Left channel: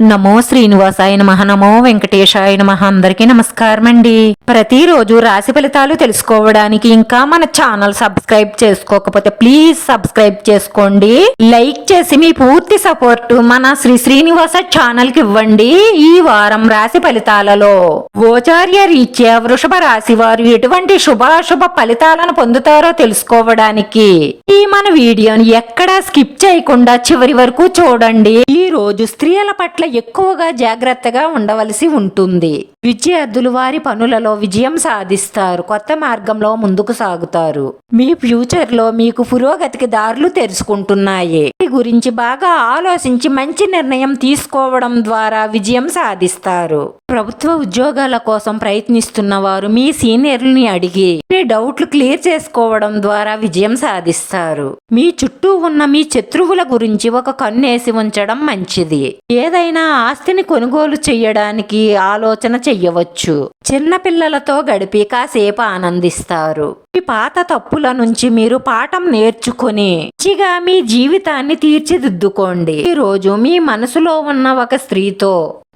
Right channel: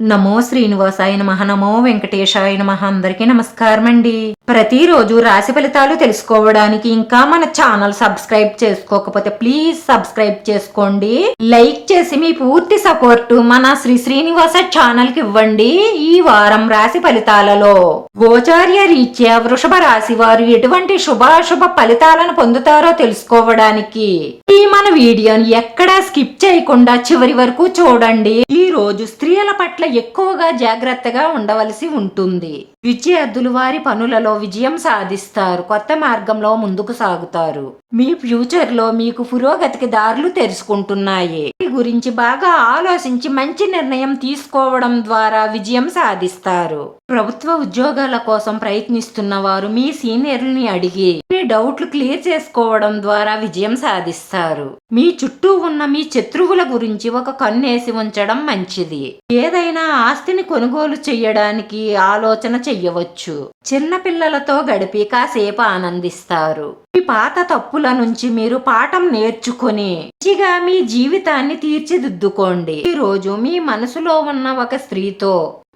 నమో శ్రీనివాసాయ నమః, నమో వెంకటేశాయ నమః. అందరికీ నమస్కారం అండి. ప్రతిరోజు రాశి ఫలితాలు తెలుసుకోవడానికి ఇంకా మన ఛానల్ సబ్స్క్రైబ్ చేసుకోకపోతే ప్లీజ్ సబ్స్క్రైబ్ చేసుకోండి. లైక్ చేసి మీ పూర్తి సపోర్ట్ మన శ్రీనివాస ఛానల్ కి ఇవ్వండి. ఈ వారం రాశి ఫలితాలలో గోచార్య రీత్యా వృషభ రాశి వారు ఎటువంటి శుభాశుభ ఫలితాలను పొందుతారో తెలుసుకోవడానికి ఈ మన వీడియోని ఎక్కడా స్కిప్ చేయకుండా చివరి వరకు చూడండి. ఈ రోజు స్త్రీల పట్ల ఎక్కువగా జాగ్రత్తగా ఉండవలసి ఉంటుంది. విద్యార్థులు వారి పనులలో విజయం సాధిస్తారు. కొత్త మార్గంలో ముందుకు సాగుతారు. మీ ఫ్యూచర్ లో మీకు పురోగతికి దారులు తెరుచుకుంటున్నాయి. మీ గురించి బాగా ఆలోచించి మంచి నిర్ణయం తీసుకోవడం ద్వారా విజయం సాధిస్తారు. ప్రభుత్వ ఉద్యోగాల కోసం ప్రయత్నిస్తున్న వారు మీ సీనియర్లని అడిగి మీ డౌట్లు క్లియర్ చేసుకోవడం ద్వారా విజయం సాధిస్తారు. మీ చుట్టూ ఉన్న మీ శత్రువుల గురించి ఒక కన్నేసి ఉంచడం మంచిది. ఏదైనా ఆస్తిని కొనుగోలు చేయడానికి ఆలోచన చెయ్యవచ్చు. చిన్న పిల్లలతో గడిపి కాసేపు ఆనందిస్తారు. మీ పాత తప్పుల నుంచి మీరు పాఠం నేర్చుకుని మంచిగా మీ జీవితాన్ని తీర్చిదిద్దుకోండి. ఈ రోజు మీ మనసులో ఉన్న ఒక స్త్రీతో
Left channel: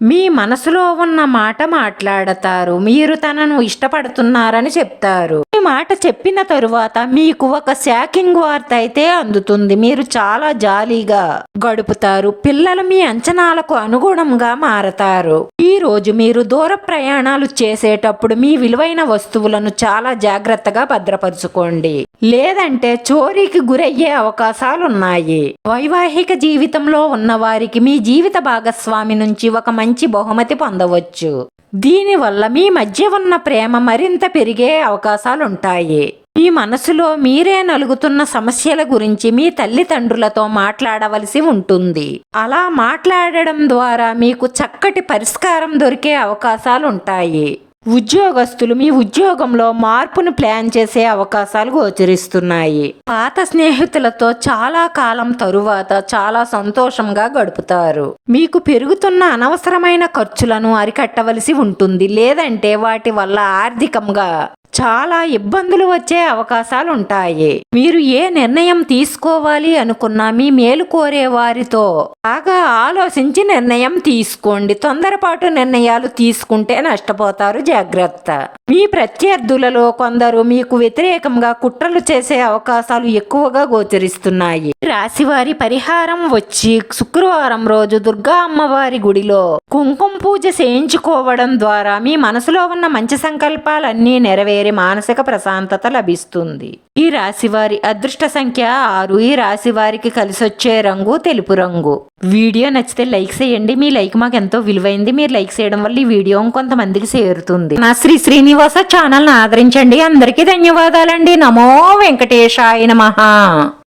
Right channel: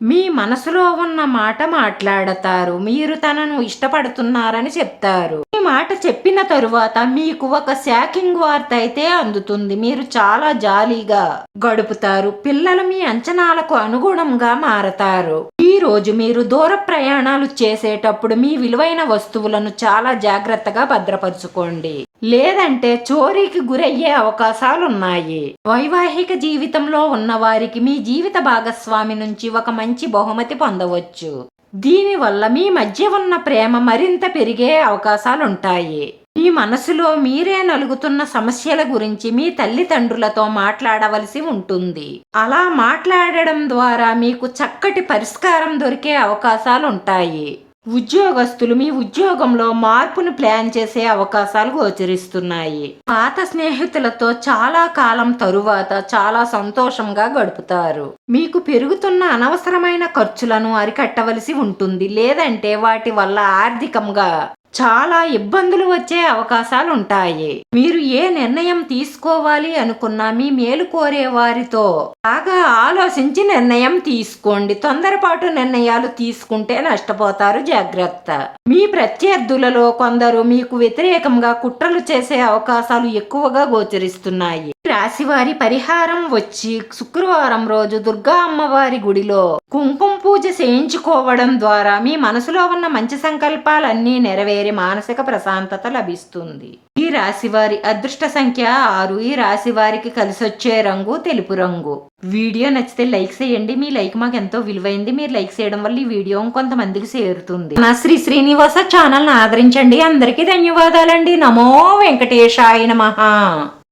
మీ మనసులో ఉన్న మాట మాట్లాడతారు. మీరు తనను ఇష్టపడుతున్నారని చెప్తారు. ఈ మాట చెప్పిన తరువాత మీకు ఒక షాకింగ్ వార్త అయితే అందుతుంది. మీరు చాలా జాలీగా గడుపుతారు. పిల్లలు మీ అంచనాలకు అనుగుణంగా మారతారు. ఈ రోజు మీరు దూర ప్రయాణాలు చేసేటప్పుడు మీ విలువైన వస్తువులను చాలా జాగ్రత్తగా భద్రపరచుకోండి, లేదంటే చోరీకి గురయ్యే అవకాశాలున్నాయి. వైవాహిక జీవితంలో ఉన్న వారికి మీ జీవిత భాగస్వామి నుంచి ఒక మంచి బహుమతి పొందవచ్చు. దీనివల్ల మీ మధ్య ఉన్న ప్రేమ మరింత పెరిగే అవకాశాలుంటాయి. మీ మనసులో మీరే నలుగుతున్న సమస్యల గురించి మీ తల్లిదండ్రులతో మాట్లాడవలసి ఉంటుంది. అలా మాట్లాడడం ద్వారా మీకు చక్కటి పరిష్కారం దొరికే అవకాశాలుంటాయి. ఉద్యోగస్తులు మీ ఉద్యోగంలో మార్పును ప్లాన్ చేసే అవకాశాలు గోచరిస్తున్నాయి. పాత స్నేహితులతో చాలా కాలం తరువాత చాలా సంతోషంగా గడుపుతారు. మీకు పెరుగుతున్న అనవసరమైన ఖర్చులను అరికట్టవలసి ఉంటుంది, లేదంటే వాటి వల్ల ఆర్థికంగా చాలా ఇబ్బందులు వచ్చే అవకాశాలు ఉంటాయి. మీరు ఏ నిర్ణయం తీసుకోవాలి అనుకున్నా మీ మేలు కోరే వారితో బాగా ఆలోచించి నిర్ణయం తీసుకోండి. తొందరపాటు నిర్ణయాలు తీసుకుంటే నష్టపోతారు, జాగ్రత్త. మీ ప్రత్యర్థులలో కొందరు మీకు వ్యతిరేకంగా కుట్రలు చేసే అవకాశాలు ఎక్కువగా గోచరిస్తున్నాయి. రాశివారి పరిహారం వచ్చి శుక్రవారం రోజు దుర్గా అమ్మవారి గుడిలో కుంకుమ పూజ చేయించుకోవడం ద్వారా మీ మనసులో ఉన్న మంచి సంకల్పాలన్నీ నెరవేరి మానసిక ప్రశాంతత లభిస్తుంది. ఈ రాశివారి అదృష్ట సంఖ్య 6. ఈ రాశి వారికి కలిసొచ్చే రంగు తెలుపు రంగు. వీడియో నచ్చితే లైక్ చేయండి. మీ లైక్ మాకు ఎంతో విలువైంది. మీరు లైక్ చేయడం వల్ల ఈ వీడియో కొంతమందికి చేరుతుంది. నా శ్రీనివాస ఛానల్ ఆదరించండి. అందరికీ ధన్యవాదాలండి. నమో వెంకటేశాయ నమః.